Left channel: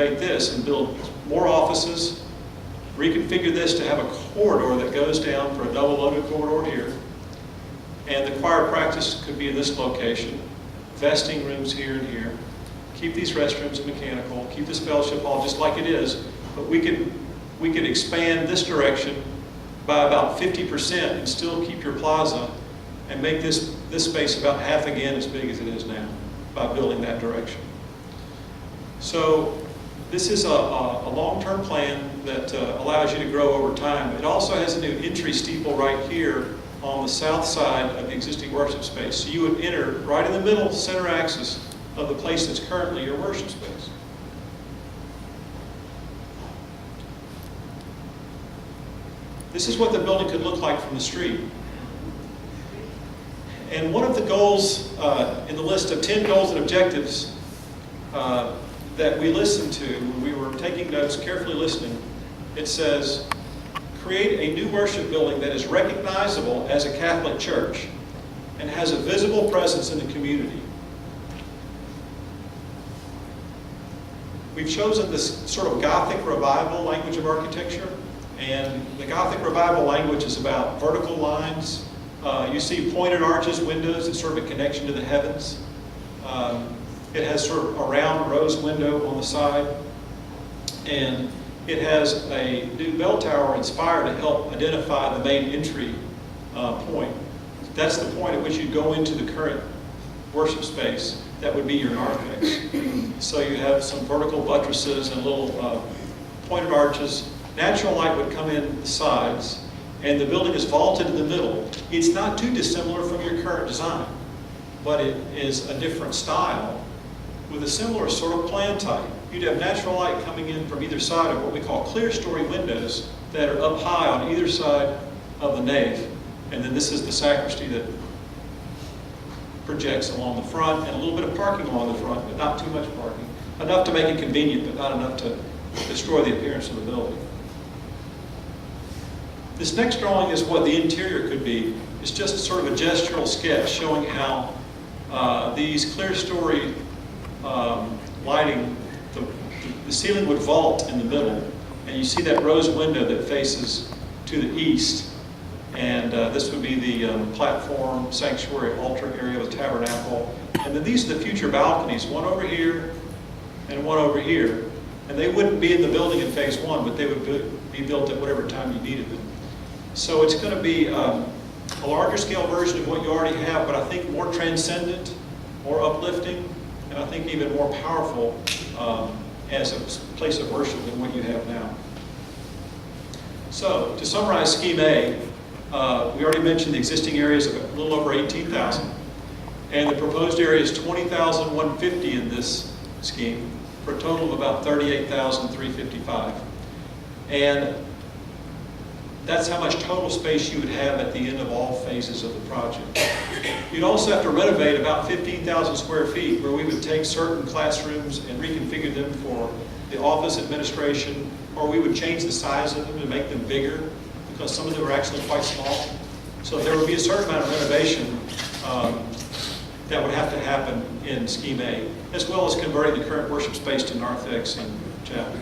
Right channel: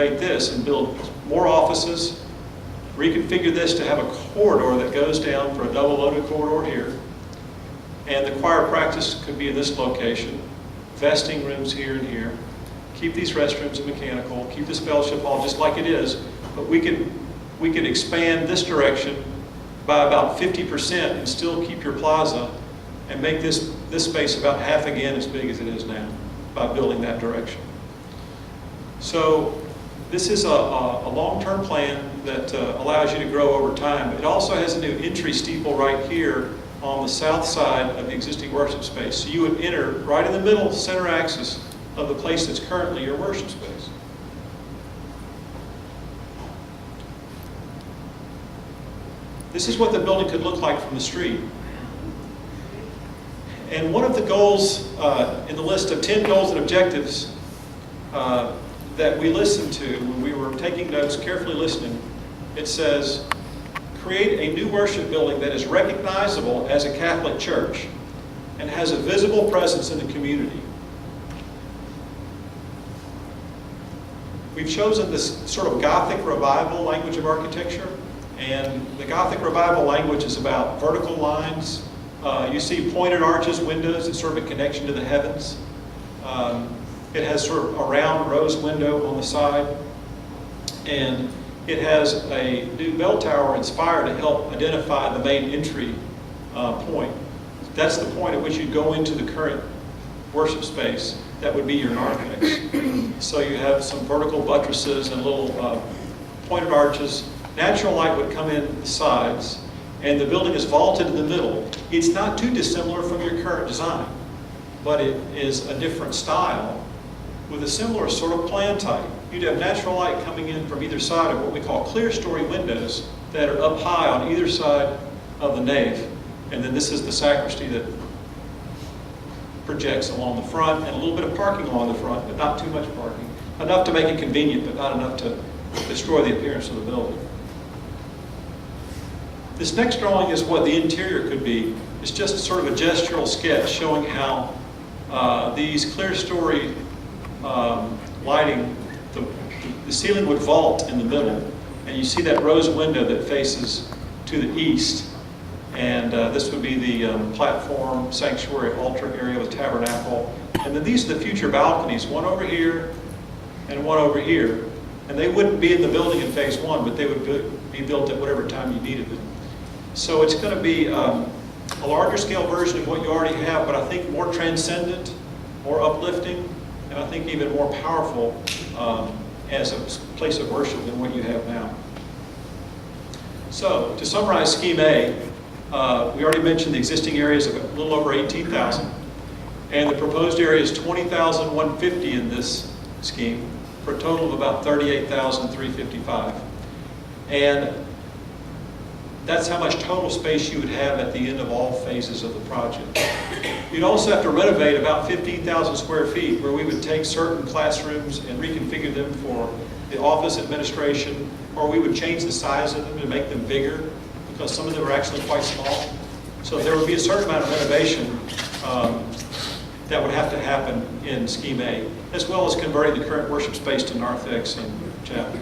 renovate this and build more offices, reconfigure this to have a corridor that goes down for a double loaded corridor here. And the choir practice could be in this location, vesting rooms here and here. Keep these restrooms and mechanical, keep this fellowship hall just like it is, but we could expand this direction by about 50% and still keep your plaza and make this space about half again as big as it is now by building that direction. So this is a long-term plan that allows you to grow over time. It also has a new entry steeple right here on the south side of the existing worship space. So you would enter right in the middle, center axis of the place that's currently your worship space. This is what the building could look like from the street. And one of the goals in the list of 10 goals and objectives that we listened to when we were taking notes, carefully listening, it says, create a new worship building that is recognizable as a Catholic church and has a visible presence in the community. We've chosen this sort of Gothic revival language of architecture, and the Gothic revival language is about vertical lines. You see pointed arches, windows, it's sort of a connection to the heavens. It has sort of a round rose window on the side, and it has a new bell tower and spire to help identify the main entry point. That's the point at which you go into the current worship space. That would be your narthex. So you have some vertical buttresses and little pointed arches. Natural light would come in the sides, and the building is vaulted in the middle. It's not too dissimilar from your current design, but it is a different style with a similar sort of plan type. You'd have natural light coming in from either side of what we call clear story windows that are up high on either side of the nave. And then this is the sacristy that projects along the front, and a little bit of parking along the front, but not too much parking. Enough to make it convenient, but not enough to destroy the appearance of the building. This next drawing is what the interior could be. It's just sort of a gestural sketch showing how these clear story lighting, the ceiling would vault in the middle, and you see that rose window that faces to the east. And this would be the platform, sanctuary, altar area with tabernacle. And then these are the future balconies, one over here and one over here. And they wouldn't be in the building in phase one, but they would be built at whatever time you needed them. So it's going to be a larger scale version of what you already have, but I think more transcendent, more uplifting, and I think even more powerful as a place of worship than what you have now. So to summarize Scheme A, we already mentioned the existing area is a little over 18,000, and the proposed area is 20,150 in this scheme, for a total of about 38,355. And that's how much total space you would have at the end of all phases of the project. You'd also have to renovate about 15,000 square feet, where we would take certain classrooms and reconfigure them for the office administration, or we would change the size of them to make them bigger, because some of them are actually quite small. So there would be a certain amount of renovation that would have to happen in Scheme A, as well as converting the current worship space to narthex and chapel.